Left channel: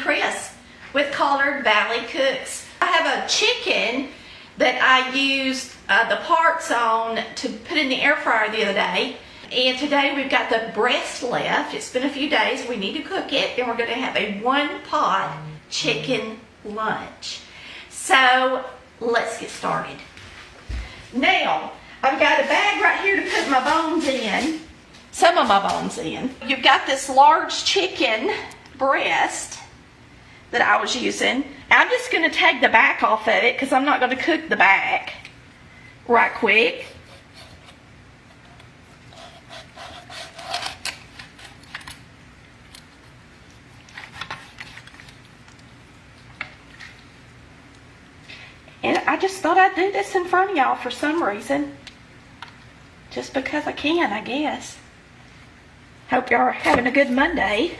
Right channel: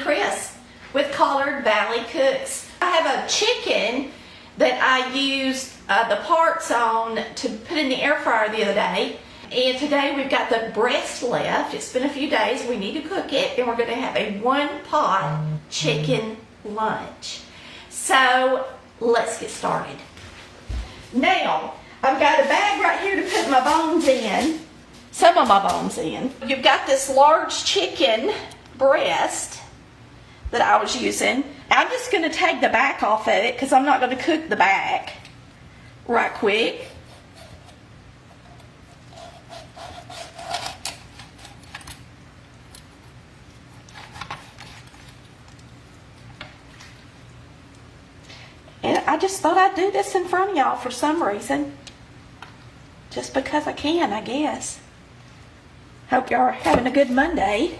Chris with Collard Valley Cooks. I have a chicken that I used the parts on to put in the air fryer the other day, and today we've got the breast left. It's been a few days, we need to cook it, and we're going to have a one-pot chicken lunch. So let's get started. Now I've got a bag right here to put my bones in, some of my bones in. You've got this large chicken breast that I was using. I'm just going to take the back off of it because I'm not going to cook the back right quick. And I just thought I'd do this in front of y'all for some reason. Just because I can, I guess. Hope y'all are having a good Monday.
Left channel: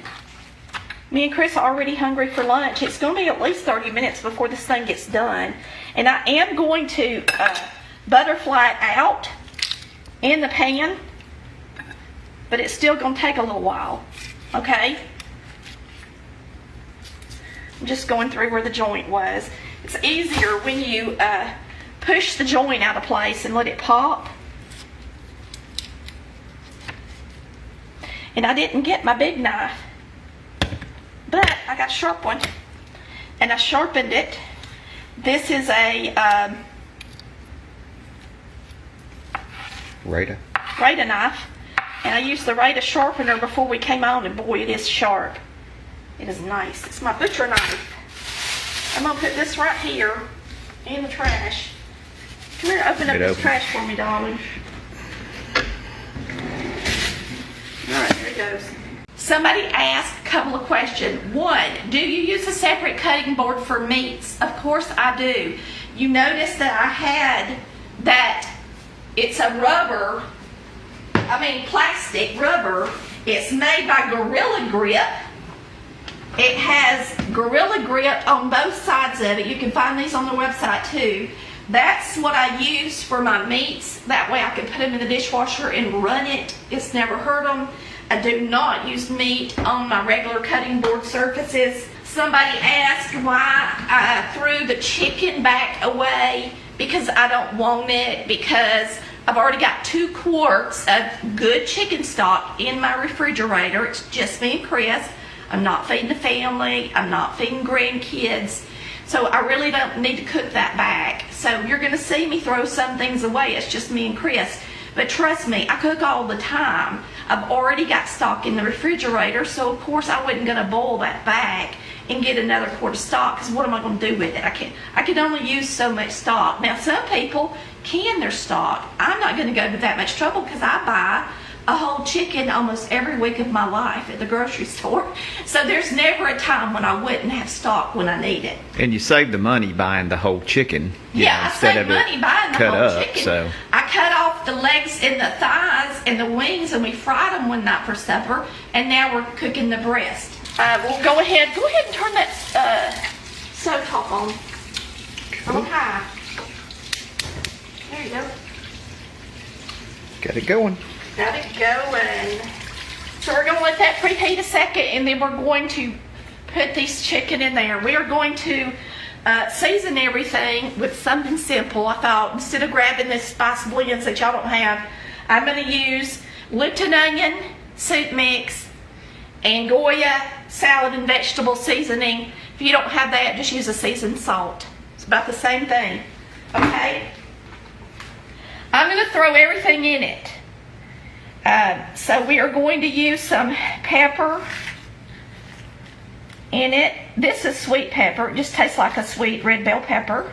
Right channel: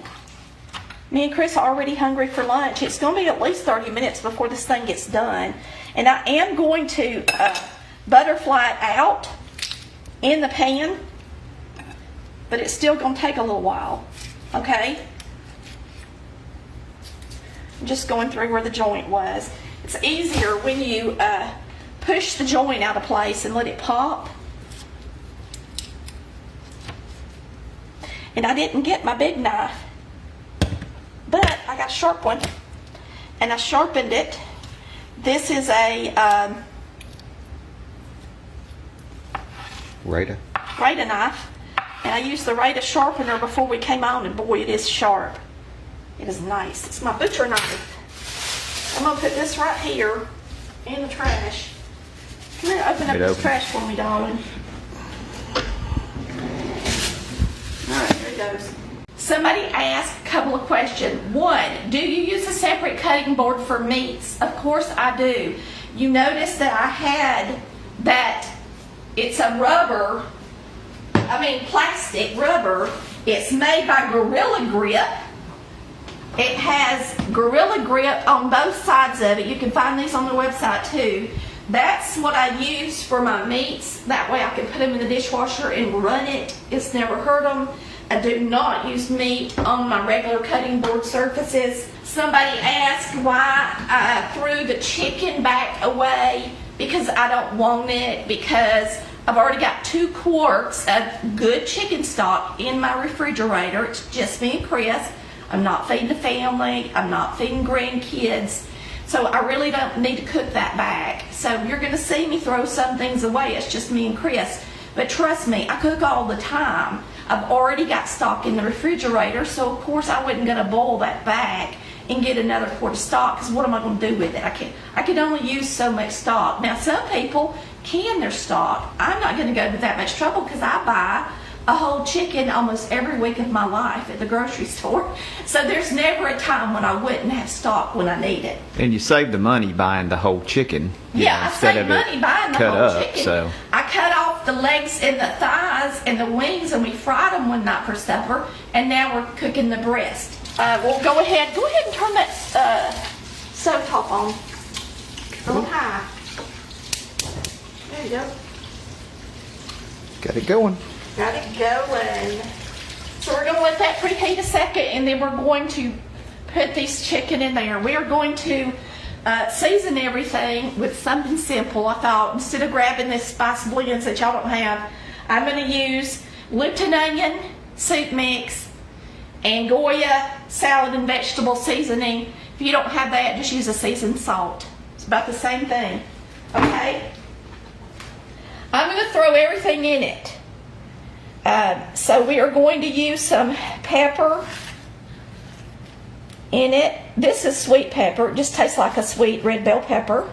Me and Chris are already hungry for lunch. It's going to be at least 30 minutes before this thing gets done. And I am going to butterfly it out in the pan. But it's still going to take a little while. Okay? I'm just going through where the joint was. It's easier when you push the joint out of place and let it pop. And I didn't get my big knife. But I got a sharp one, and I sharpened it. This is a Rita knife, and I used the Rita sharpener before we came on, and boy, it is sharp. It is nice. It's my butcher knife. I'm gonna put this right here in the trash. Come here, open up this trash for me, darling. All right, here it goes. Somebody asked a couple of questions. One, do you use a separate cutting board for meats? Of course I do. You notice that I had that it's a plastic rubber. It's made by Gorilla Grip. It has Gorilla Grip on both sides of it. You can find these on the website too. That's what I use for my meats. That way I can put them in the dishwasher and run it. It's never hurt them. I do not use meat on my regular cutting board surfaces. Somebody asked why I threw the chicken back away. Because I don't want it, because I've already got 2 quarts of good chicken stock in my refrigerator. It's just me and Chris. I'm not feeding the family. I'm not feeding grandkids. So I really don't need to cook that back. So you're going to see me throw some things away. It's just me and Chris. But trust me, I cook all the time. I've already got stock in the refrigerator, so of course I wasn't going to boil that back and get another quart of stock, because what am I going to do with it? I can only use so much stock. Now some people can their stock. I'm not going to go to that much trouble because I buy a whole chicken almost every week of my life at the grocery store. So there's never a time when I wouldn't have stock when I need it. And you save the money buying the whole chicken. Yeah, I save money buying the whole chicken. So I cut off the legs and the thighs and the wings, and we fried them one night for supper. And now we're cooking the breast. We'll go ahead and turn that stove top on. Cool. On high. There you go. Got it going. Got it going. So we're going to let that preheat a second, and then we're going to put this chicken in there. We are going to season everything with something simple. I thought instead of grabbing this spice blends that y'all don't have, I'm going to use Lipton onion soup mix and Goya salad and vegetable seasoning. If you don't have that, just use a seasoned salt. It's about the same thing. Okay? I'm going to throw everything in it. So we are going to use some pepper in it. This is sweet pepper. It just tastes like a sweet red bell pepper.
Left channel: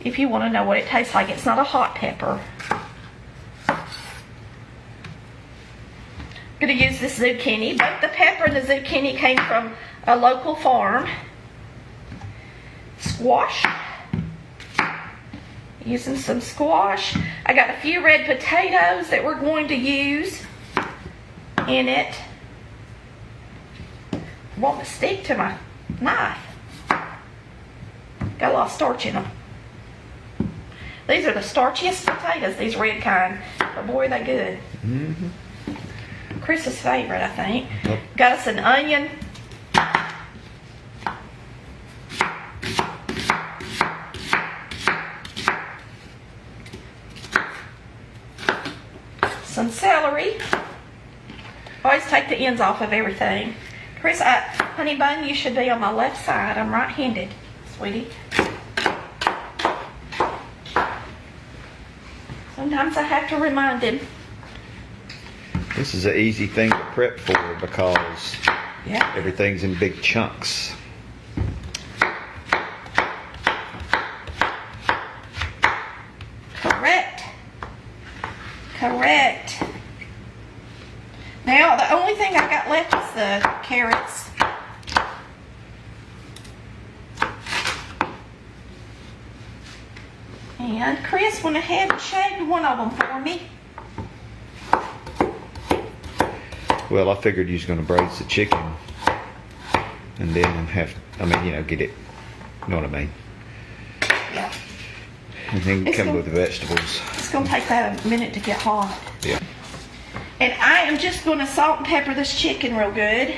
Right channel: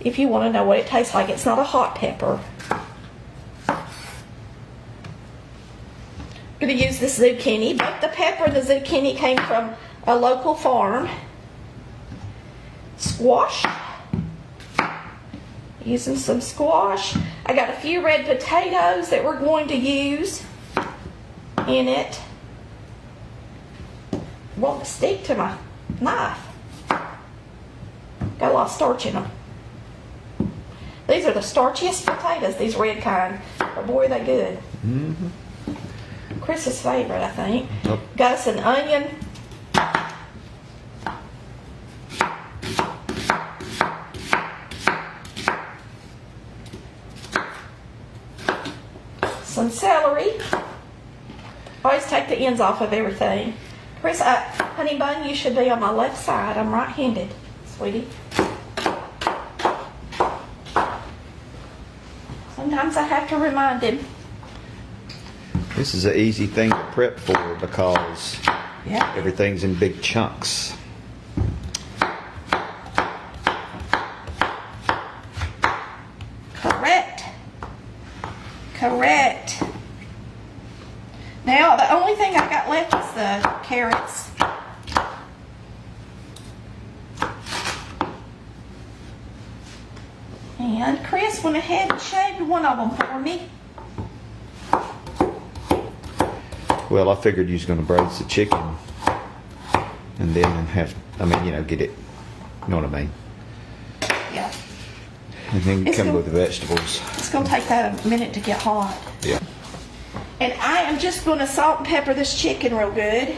If you want to know what it tastes like, it's not a hot pepper. I'm going to use this zucchini. Both the pepper and the zucchini came from a local farm. Squash. Using some squash. I got a few red potatoes that we're going to use. in it won't stick to my knife. Got a lot of starch in them. These are the starchiest potatoes, these red kind. But boy, they good. Mm-hmm. Chris's favorite, I think. Yep. Got us an onion. Some celery. Always take the ends off of everything. Chris, honey bun, you should be on my left side. I'm right-handed, sweetie. Sometimes I have to remind him. This is an easy thing to prep for because Yeah. everything's in big chunks. Correct. Correct. Now, the only thing I got left is the carrots. And Chris went ahead and shaved one of them for me. Well, I figured you was going to braise the chicken and then get it, you know what I mean? Yeah. And then It's come gonna- with the vegetables. It's going to take that a minute to get hot. Yeah. And I am just going to salt and pepper this chicken real good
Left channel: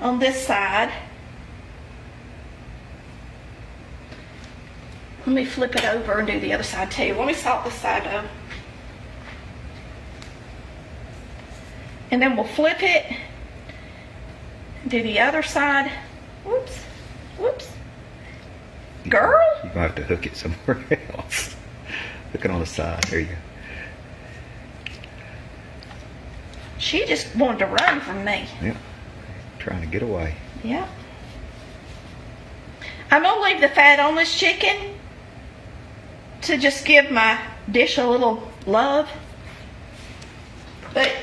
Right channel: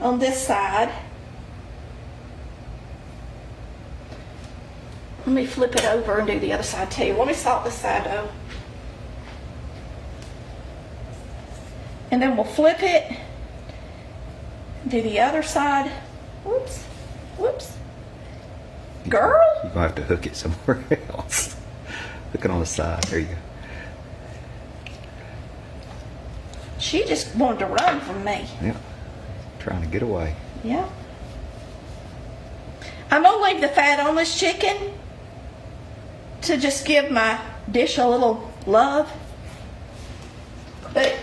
on this side. Let me flip it over and do the other side too. Let me salt this side though. And then we'll flip it, do the other side. Whoops, whoops. Girl? You're going to have to hook it somewhere else. Hook it on the side. There you go. She just wanted to run from me. Yeah. Trying to get away. Yeah. I'm gonna leave the fat on this chicken to just give my dish a little love. But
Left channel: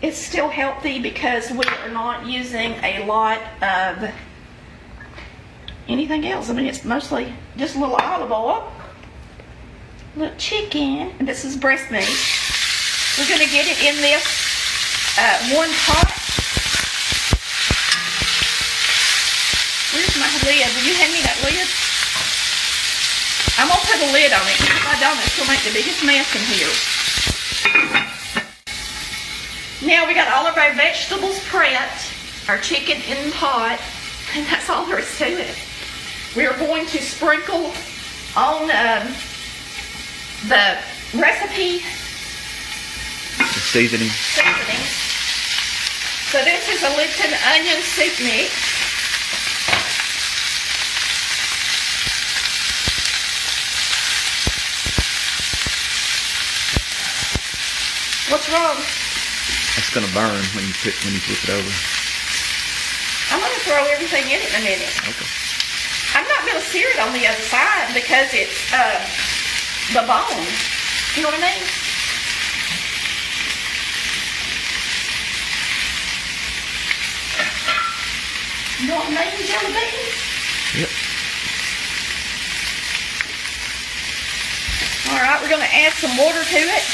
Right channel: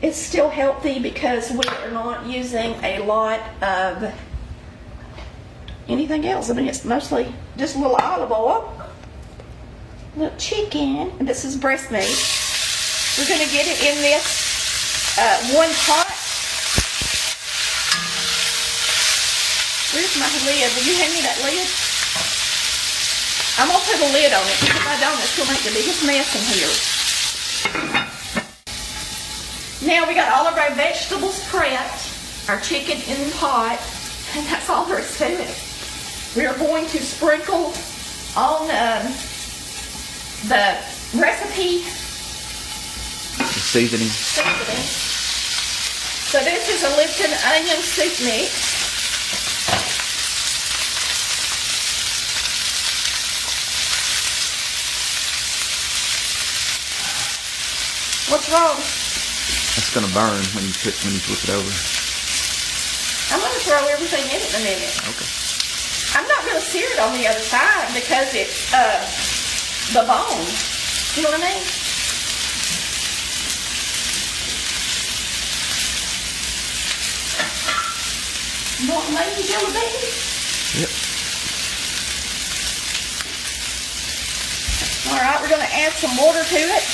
it's still healthy because we are not using a lot of anything else. I mean, it's mostly just a little olive oil, little chicken, and this is breast meat. We're gonna get it in this one pot. Where's my lid? Will you hand me that lid? I'm gonna put a lid on it because if I don't, it's gonna make the biggest mess in here. Now we got all of our vegetables prepped, our chicken in the pot, and that's all there is to it. We are going to sprinkle on the recipe Seasoning. seasoning. So this is a Lipton onion soup mix. What's wrong? It's going to burn when you flip it over. I'm going to throw everything in it in a minute. Okay. I'm not going to sear it on the other side because it's the bone. You know what I mean? You want maybe jelly beans? Yep. All right, we're going to add some water to it.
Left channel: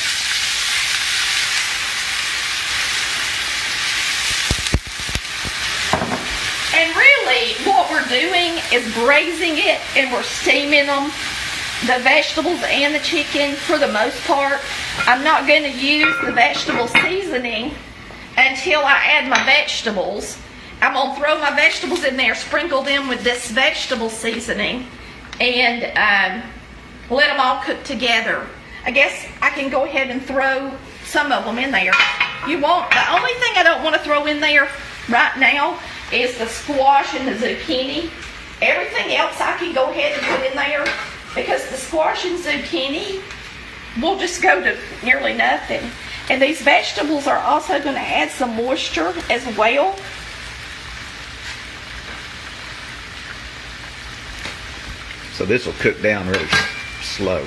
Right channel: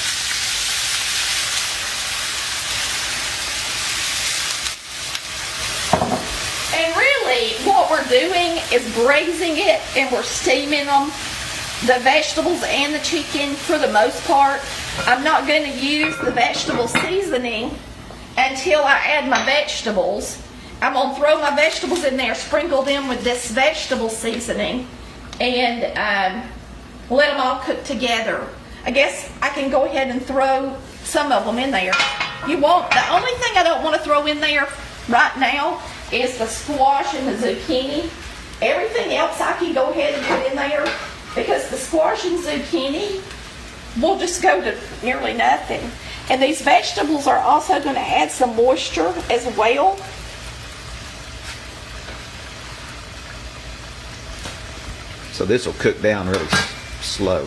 And really, what we're doing is braising it and we're steaming them, the vegetables and the chicken for the most part. I'm not going to use the vegetable seasoning until I add my vegetables. I'm going to throw my vegetables in there, sprinkle them with this vegetable seasoning, and let them all cook together. I guess I can go ahead and throw some of them in there. The only thing I don't want to throw in there right now is the squash and the zucchini. Everything else I can go ahead and put in there because the squash and zucchini will just go to nearly nothing. And these vegetables are also going to add some moisture as well. So this will cook down really slow.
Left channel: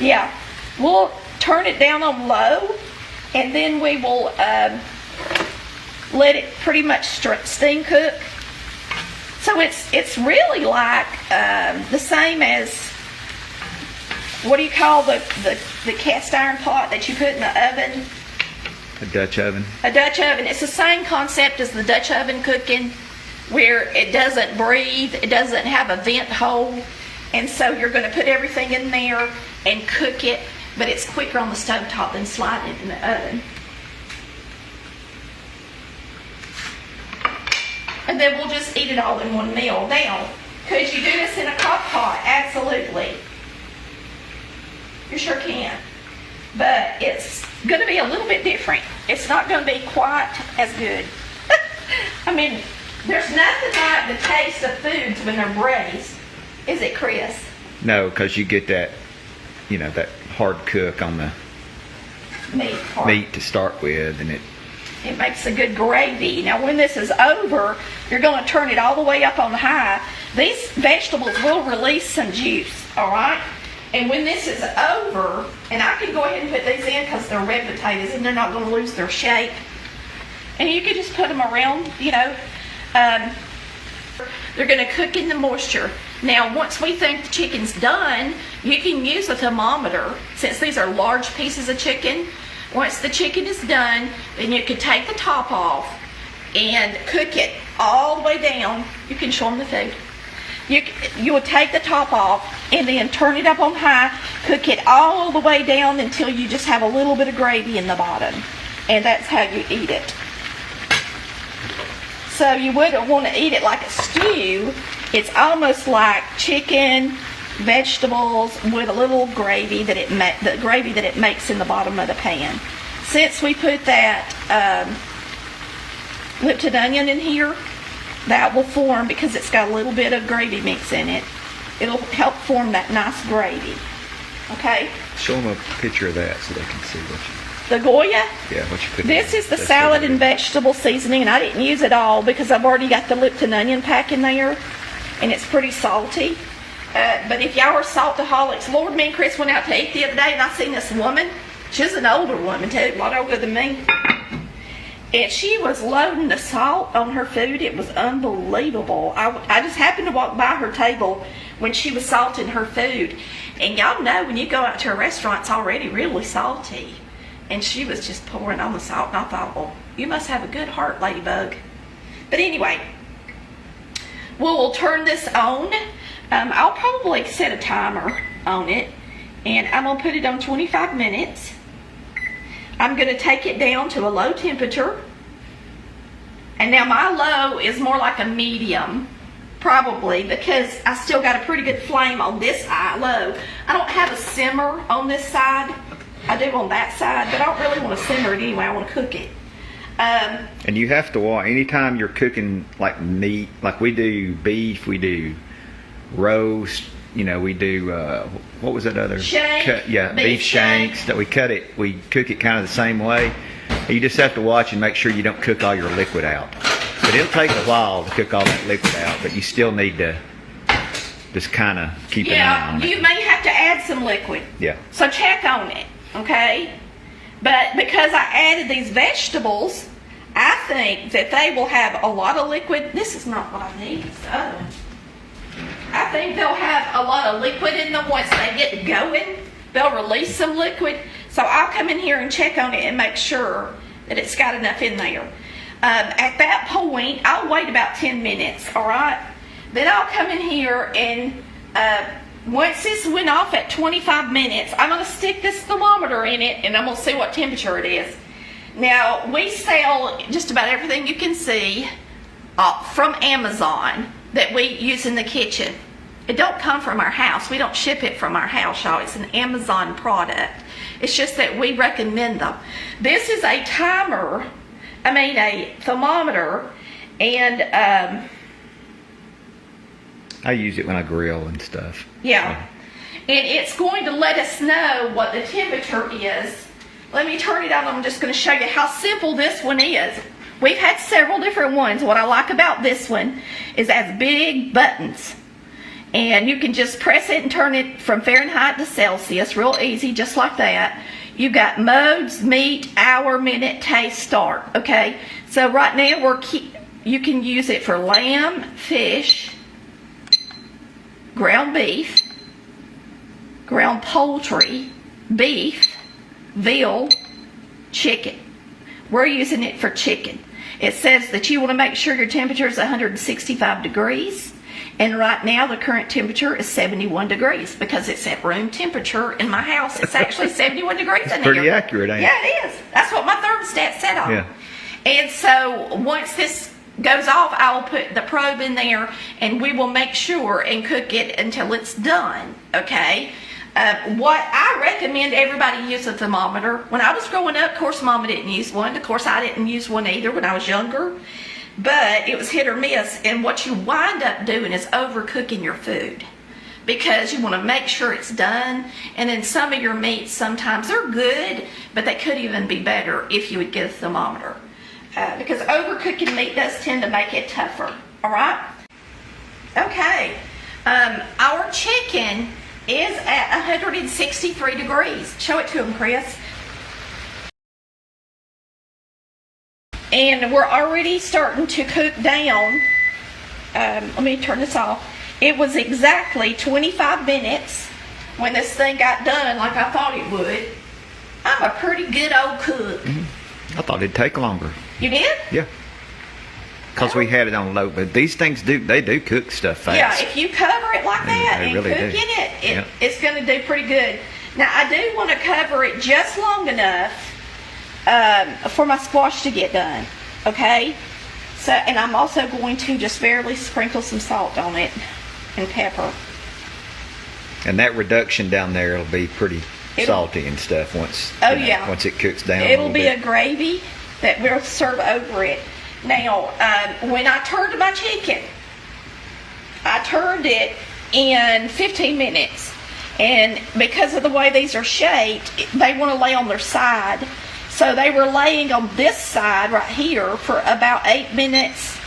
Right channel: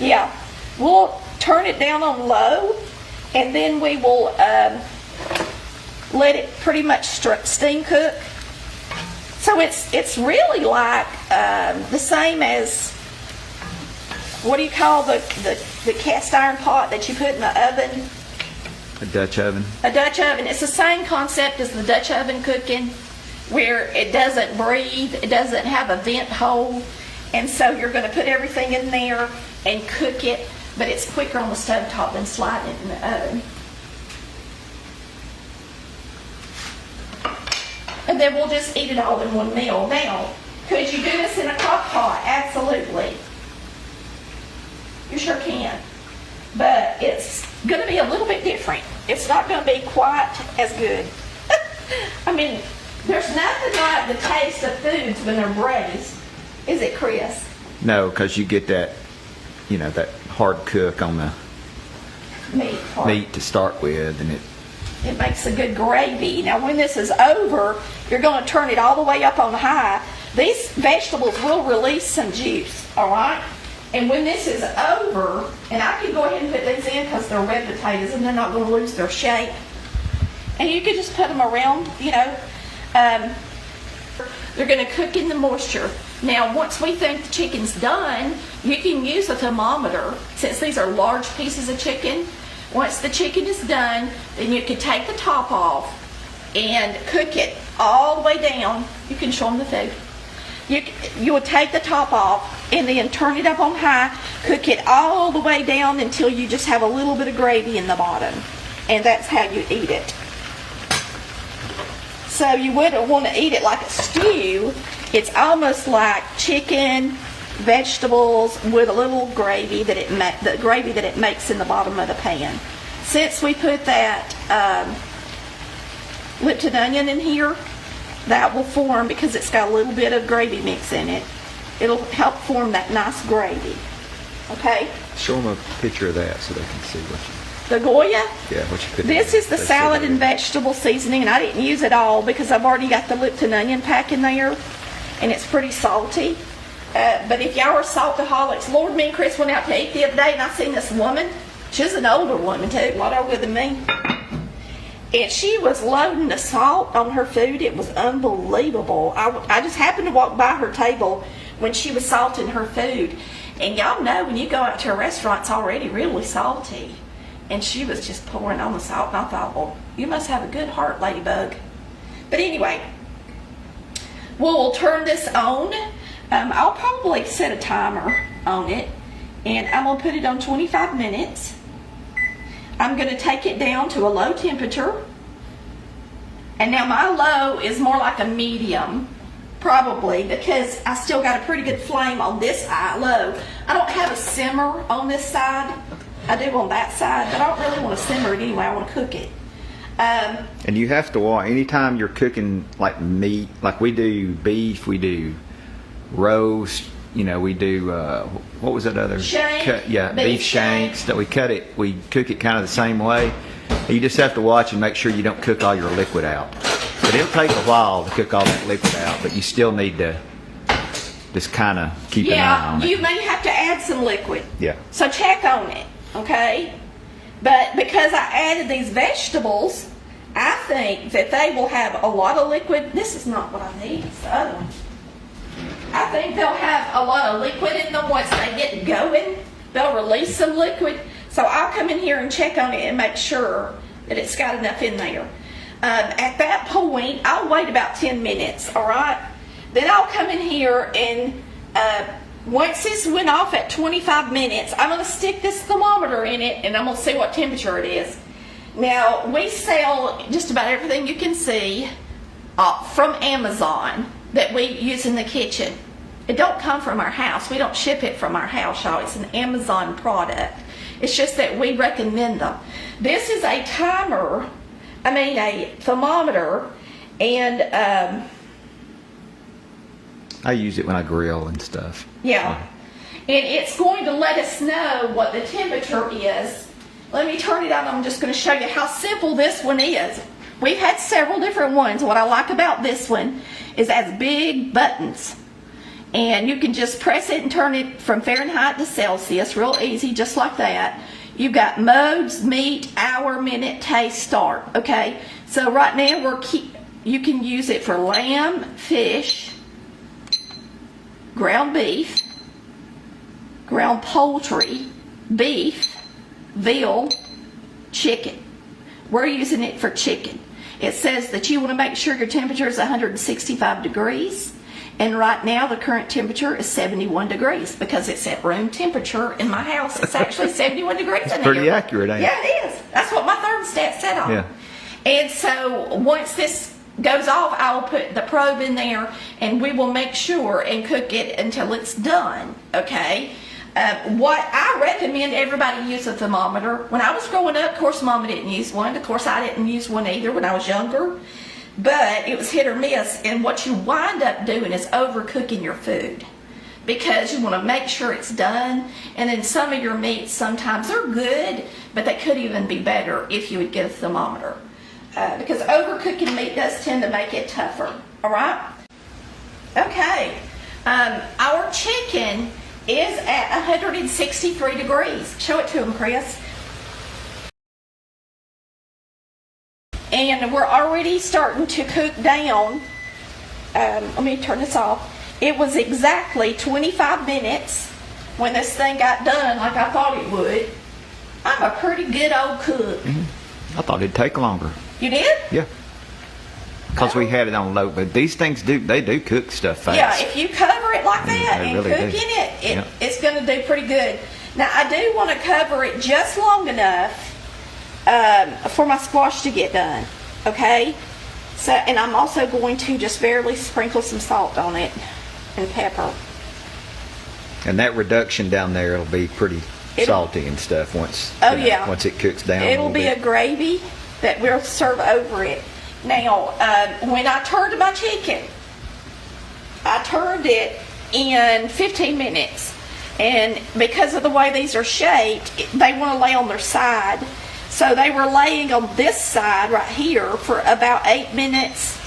Yeah, we'll turn it down on low, and then we will let it pretty much steam cook. So it's really like the same as, what do you call the cast iron pot that you put in the oven? A Dutch oven. A Dutch oven. It's the same concept as the Dutch oven cooking, where it doesn't breathe, it doesn't have a vent hole, and so you're going to put everything in there and cook it, but it's quicker on the stovetop than sliding it in the oven. And then we'll just eat it all in one meal. Now, could you do this in a crock pot? Absolutely. You sure can. But it's going to be a little bit different. It's not going to be quite as good. I mean, there's nothing like the taste of foods when they're braised. Is it, Chris? No, because you get that, you know, that hard cook on the meat to start with, and it makes a good gravy. Now, when this is over, you're going to turn it all the way up on high. These vegetables will release some juice, all right? And when this is over, and I can go ahead and put these in because they're red potatoes and they're not going to lose their shape. And you can just put them around, you know. They're going to cook in the moisture. Now, once we think the chicken's done, you can use a thermometer. Since these are large pieces of chicken, once the chicken is done, then you can take the top off and cook it all the way down. You can show them the food. You will take the top off and then turn it up on high, cook it all the way down until you just have a little bit of gravy in the bottom. And that's how you eat it. So you wouldn't want to eat it like a stew. It's almost like chicken, vegetables with a little gravy that it makes in the bottom of the pan. Since we put that Lipton onion in here, that will form, because it's got a little bit of gravy mix in it, it'll help form that nice gravy. Okay? show them a picture of that so they can see what you... The Goya? Yeah, what you put in. This is the salad and vegetable seasoning, and I didn't use it all because I've already got the Lipton onion pack in there, and it's pretty salty. But if y'all are saltaholics, Lord, me and Chris went out to eat the other day, and I seen this woman. She's an older woman, too, a lot older than me. And she was loading the salt on her food. It was unbelievable. I just happened to walk by her table when she was salting her food. And y'all know when you go out to a restaurant, it's already really salty. And she was just pouring on the salt, and I thought, well, you must have a good heart, Ladybug. But anyway, we'll turn this on. I'll probably set a timer on it, and I'm going to put it on 25 minutes. I'm going to take it down to a low temperature. And now my low is more like a medium, probably, because I still got a pretty good flame on this side, low. I don't have a simmer on this side. I do on that side, but I don't really want to simmer it anyway. I want to cook it. And you have to watch, anytime you're cooking like meat, like we do beef, we do roast, you know, we do, what was that other? Shank. Beef shanks, that we cook it kind of the same way. You just have to watch and make sure you don't cook all your liquid out. But it'll take a while to cook all that liquid out, but you still need to just kind of keep an eye on it. You may have to add some liquid. Yeah. So check on it, okay? But because I added these vegetables, I think that they will have a lot of liquid. This is not what I need, it's the other one. I think they'll have a lot of liquid in them once they get going. They'll release some liquid. So I'll come in here and check on it and make sure that it's got enough in there. At that point, I'll wait about 10 minutes, all right? Then I'll come in here and once this went off at 25 minutes, I'm going to stick this thermometer in it and I'm going to see what temperature it is. Now, we sell just about everything you can see from Amazon that we use in the kitchen. It don't come from our house. We don't ship it from our house, y'all. It's an Amazon product. It's just that we recommend them. This is a a thermometer, and I use it when I grill and stuff. Yeah. And it's going to let us know what the temperature is. Let me turn it on. I'm just going to show you how simple this one is. We've had several different ones. What I like about this one is it has big buttons. And you can just press it and turn it from Fahrenheit to Celsius. Real easy, just like that. You've got modes, meat, hour, minute, taste, start. Okay? So right now you can use it for lamb, fish, ground beef, ground poultry, beef, veal, chicken. We're using it for chicken. It says that you want to make sure your temperature is 165 degrees. And right now, the current temperature is 71 degrees because it's at room temperature in my house. It's actually 71 degrees in here. Pretty accurate, ain't it? Yeah, it is. That's what my thermostat set on. Yeah. And so once this goes off, I will put the probe in there, and we will make sure and cook it until it's done, okay? What I recommend everybody use a thermometer. When I was growing up, of course, Mama didn't use one. Of course, I didn't use one either when I was younger. But it was hit or miss, and what you wind up doing is overcooking your food because you want to make sure it's done. And then some of your meats, sometimes they're good, but they could even be better if you would get a thermometer. Because overcooking meat does tend to make it tougher, all right? Okay, our chicken is at 163 degrees. Show it to him, Chris. And we're already starting to cook down. Let me turn this off. It was exactly 25 minutes when this thing got done like I thought it would. I'm a pretty good old cook. Mm-hmm. I thought it'd take longer. You did? Yeah. Because we had it on low, but these things do cook stuff fast. Yeah, if you cover it like that they and really cook do. in it, Yeah. it's going to do pretty good. Now, I do want to cover it just long enough for my squash to get done, okay? So, and I'm also going to just barely sprinkle some salt on it and pepper. And that reduction down there will be pretty salty and stuff once. Yeah. Once it cooks down. It'll be bit. a gravy that we'll serve over it. Now, when I turned my chicken, I turned it in 15 minutes. And because of the way these are shaped, they want to lay on their side. So they were laying on this side right here for about 8 minutes.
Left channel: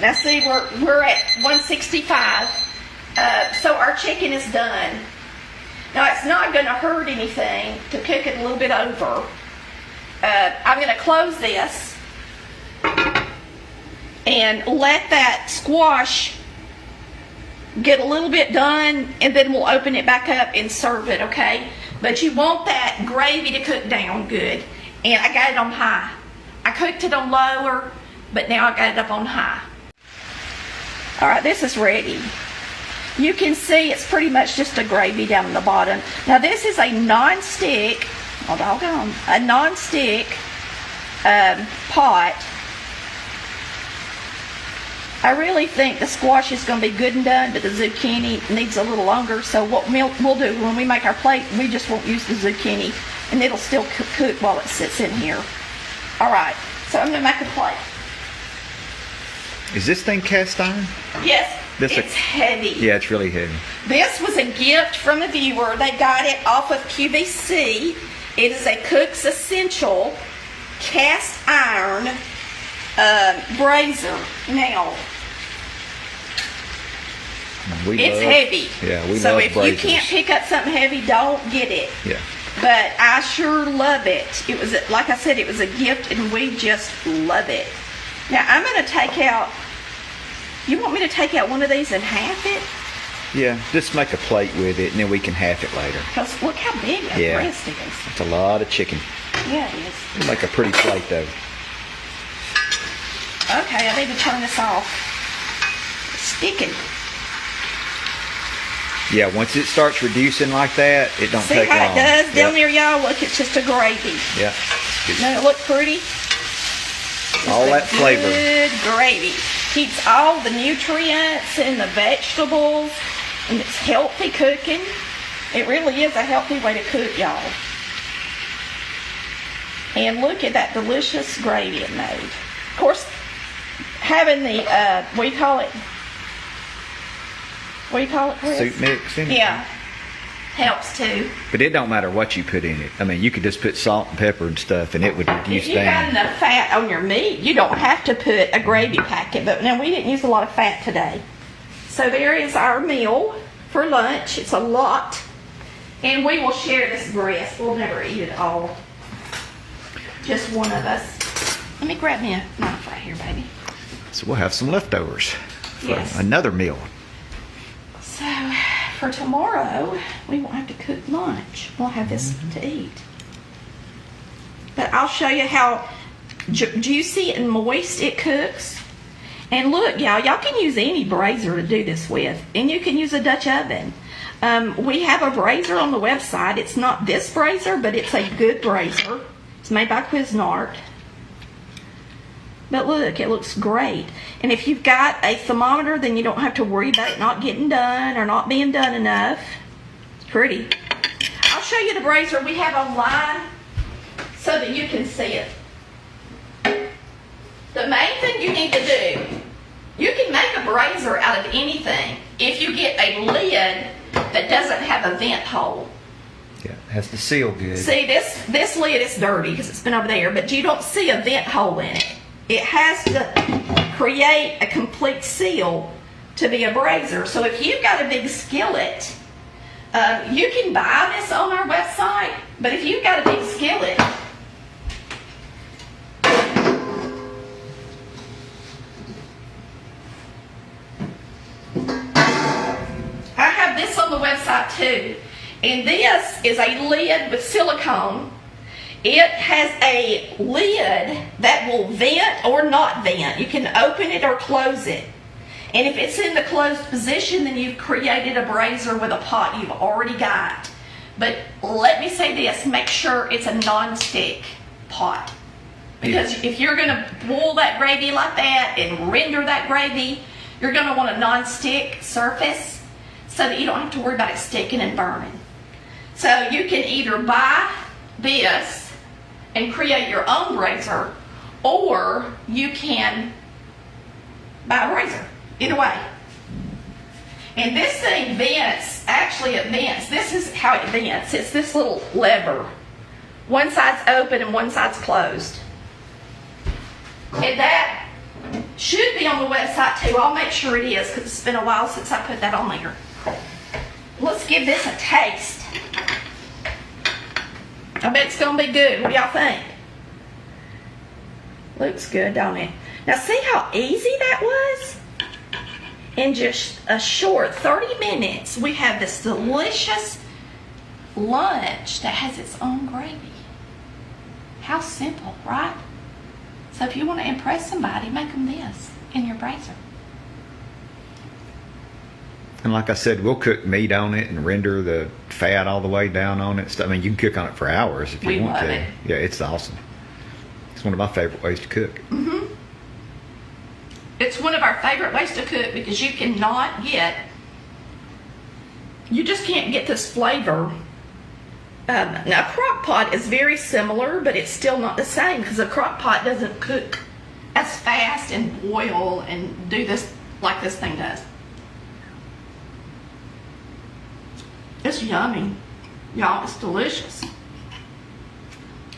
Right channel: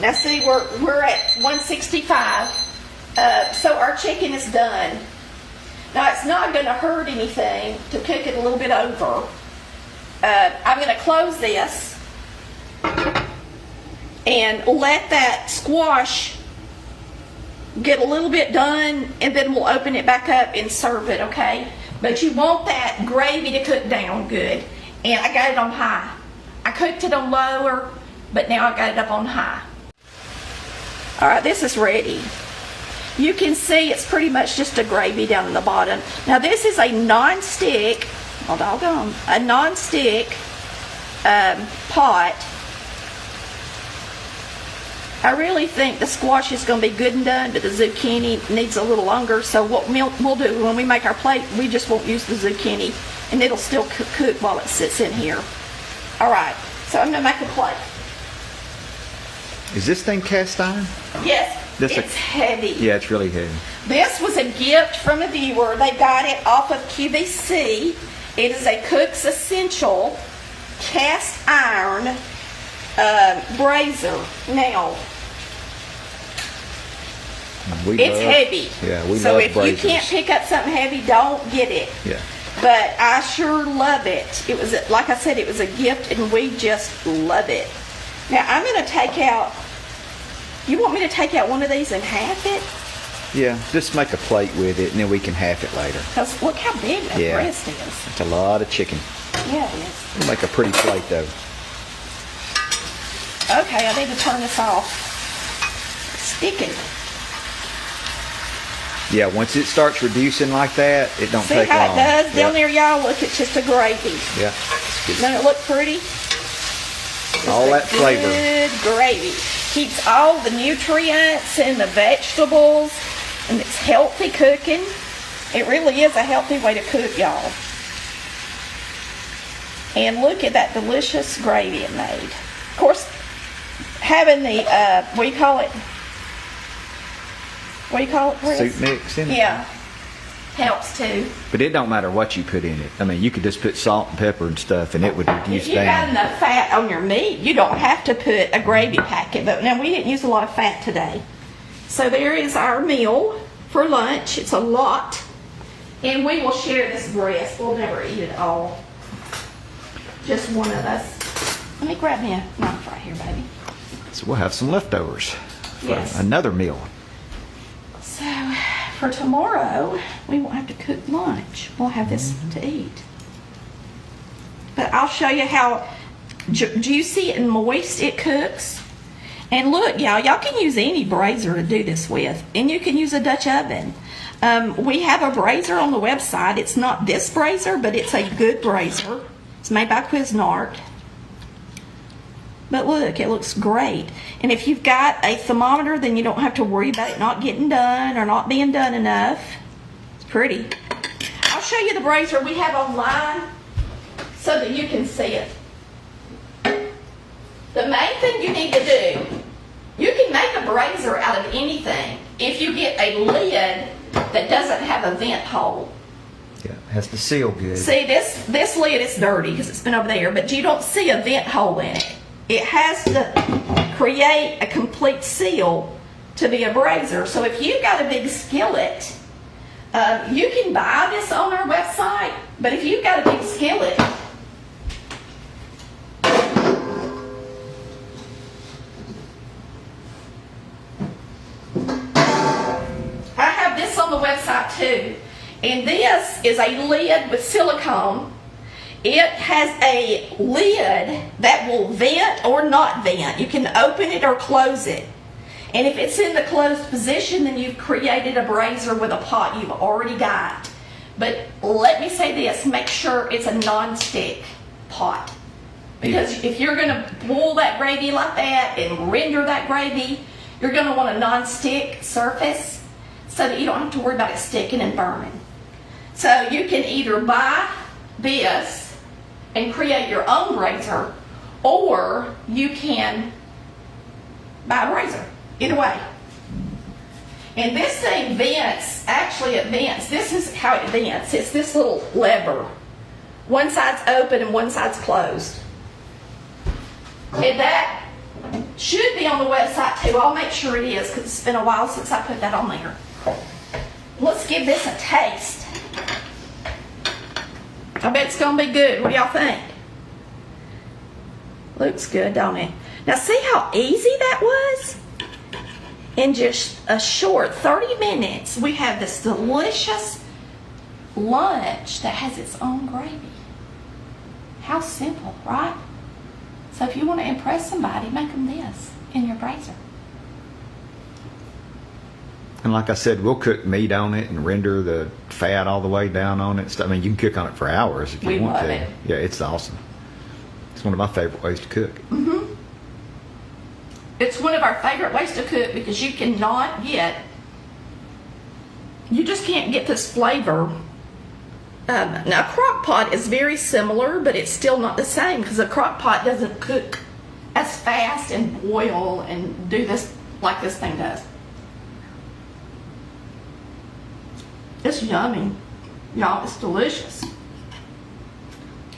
Now see, we're at 165. So our chicken is done. Now it's not going to hurt anything to cook it a little bit over. I'm going to close this and let that squash get a little bit done, and then we'll open it back up and serve it, okay? But you want that gravy to cook down good. And I got it on high. I cooked it on lower, but now I got it up on high. All right, this is ready. You can see it's pretty much just a gravy down in the bottom. Now this is a non-stick, oh doggone, a non-stick pot. I really think the squash is going to be good and done, but the zucchini needs a little longer. So what we'll do when we make our plate, we just won't use the zucchini, and it'll still cook while it sits in here. All right, so I'm going to make a plate. Is this thing cast iron? Yes, it's heavy. Yeah, it's really heavy. This was a gift from a viewer. They got it off of QVC. It is a Cook's Essential cast iron brazier. Now, it's heavy. Yeah, we so love if braziers. you can't pick up something heavy, don't get it. Yeah. But I sure love it. It was, like I said, it was a gift, and we just love it. Now I'm going to take out. You want me to take out one of these and half it? Yeah, just make a plate with it, and then we can half it later. Because look how big a breast is. It's a lot of chicken. Yeah, it is. It'll make a pretty plate, though. Okay, I need to turn this off. It's sticking. Yeah, once it starts reducing like that, it don't take long. See how it does down there, y'all? Look, it's just a gravy. Yeah, it's good. Doesn't it look pretty? All that flavor. Good gravy. Keeps all the nutrients and the vegetables, and it's healthy cooking. It really is a healthy way to cook, y'all. And look at that delicious gravy it made. Of course, having the, what do you call it? What do you call it, Chris? Soup mix in it? Yeah. Helps too. But it don't matter what you put in it. I mean, you could just put salt and pepper and stuff, and it would reduce If you got down. enough fat on your meat, you don't have to put a gravy packet. But now we didn't use a lot of fat today. So there is our meal for lunch. It's a lot. And we will share this breast. We'll never eat it all. Just one of us. Let me grab me a knife right here, baby. So we'll have some leftovers for Yes. another meal. So for tomorrow, we won't have to cook lunch. We'll have this to eat. But I'll show you how juicy and moist it cooks. And look, y'all can use any brazier to do this with, and you can use a Dutch oven. We have a brazier on the website. It's not this brazier, but it's a good brazier. It's made by Cuisinart. But look, it looks great. And if you've got a thermometer, then you don't have to worry about it not getting done or not being done enough. It's pretty. I'll show you the brazier we have online so that you can see it. The main thing you need to do, you can make a brazier out of anything if you get a lid that doesn't have a vent hole. Yeah, it has to seal good. See, this lid is dirty because it's been over there, but you don't see a vent hole in it. It has to create a complete seal to be a brazier. So if you've got a big skillet, you can buy this on our website, but if you've got a big skillet, I have this on the website too. And this is a lid with silicone. It has a lid that will vent or not vent. You can open it or close it. And if it's in the closed position, then you've created a brazier with a pot you've already got. But let me say this, make sure it's a non-stick pot. Because if you're going to boil that gravy like that and render that gravy, you're going to want a non-stick surface so that you don't have to worry about it sticking and burning. So you can either buy this and create your own brazier, or you can buy a brazier. Either way. And this thing vents, actually it vents. This is how it vents. It's this little lever. One side's open and one side's closed. And that should be on the website too. I'll make sure it is because it's been a while since I put that on there. Let's give this a taste. I bet it's going to be good. What do y'all think? Looks good, don't it? Now see how easy that was? In just a short 30 minutes, we have this delicious lunch that has its own gravy. How simple, right? So if you want to impress somebody, make them this in your brazier. And like I said, we'll cook meat on it and render the fat all the way down on it. I mean, you can cook on it for hours if you want love to. it. Yeah, it's awesome. It's one of my favorite ways to cook. Mm-hmm. It's one of our favorite ways to cook because you cannot get, you just can't get this flavor. Now, crock pot is very similar, but it's still not the same because a crock pot doesn't cook as fast and boil and do this like this thing does. It's yummy. Y'all, it's delicious.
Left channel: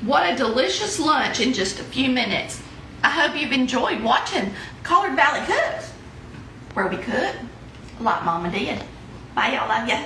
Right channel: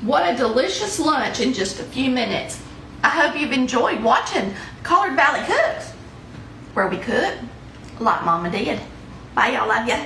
What a delicious lunch in just a few minutes. I hope you've enjoyed watching Collard Valley Cooks, where we cook like Mama did. Bye, y'all. Love ya.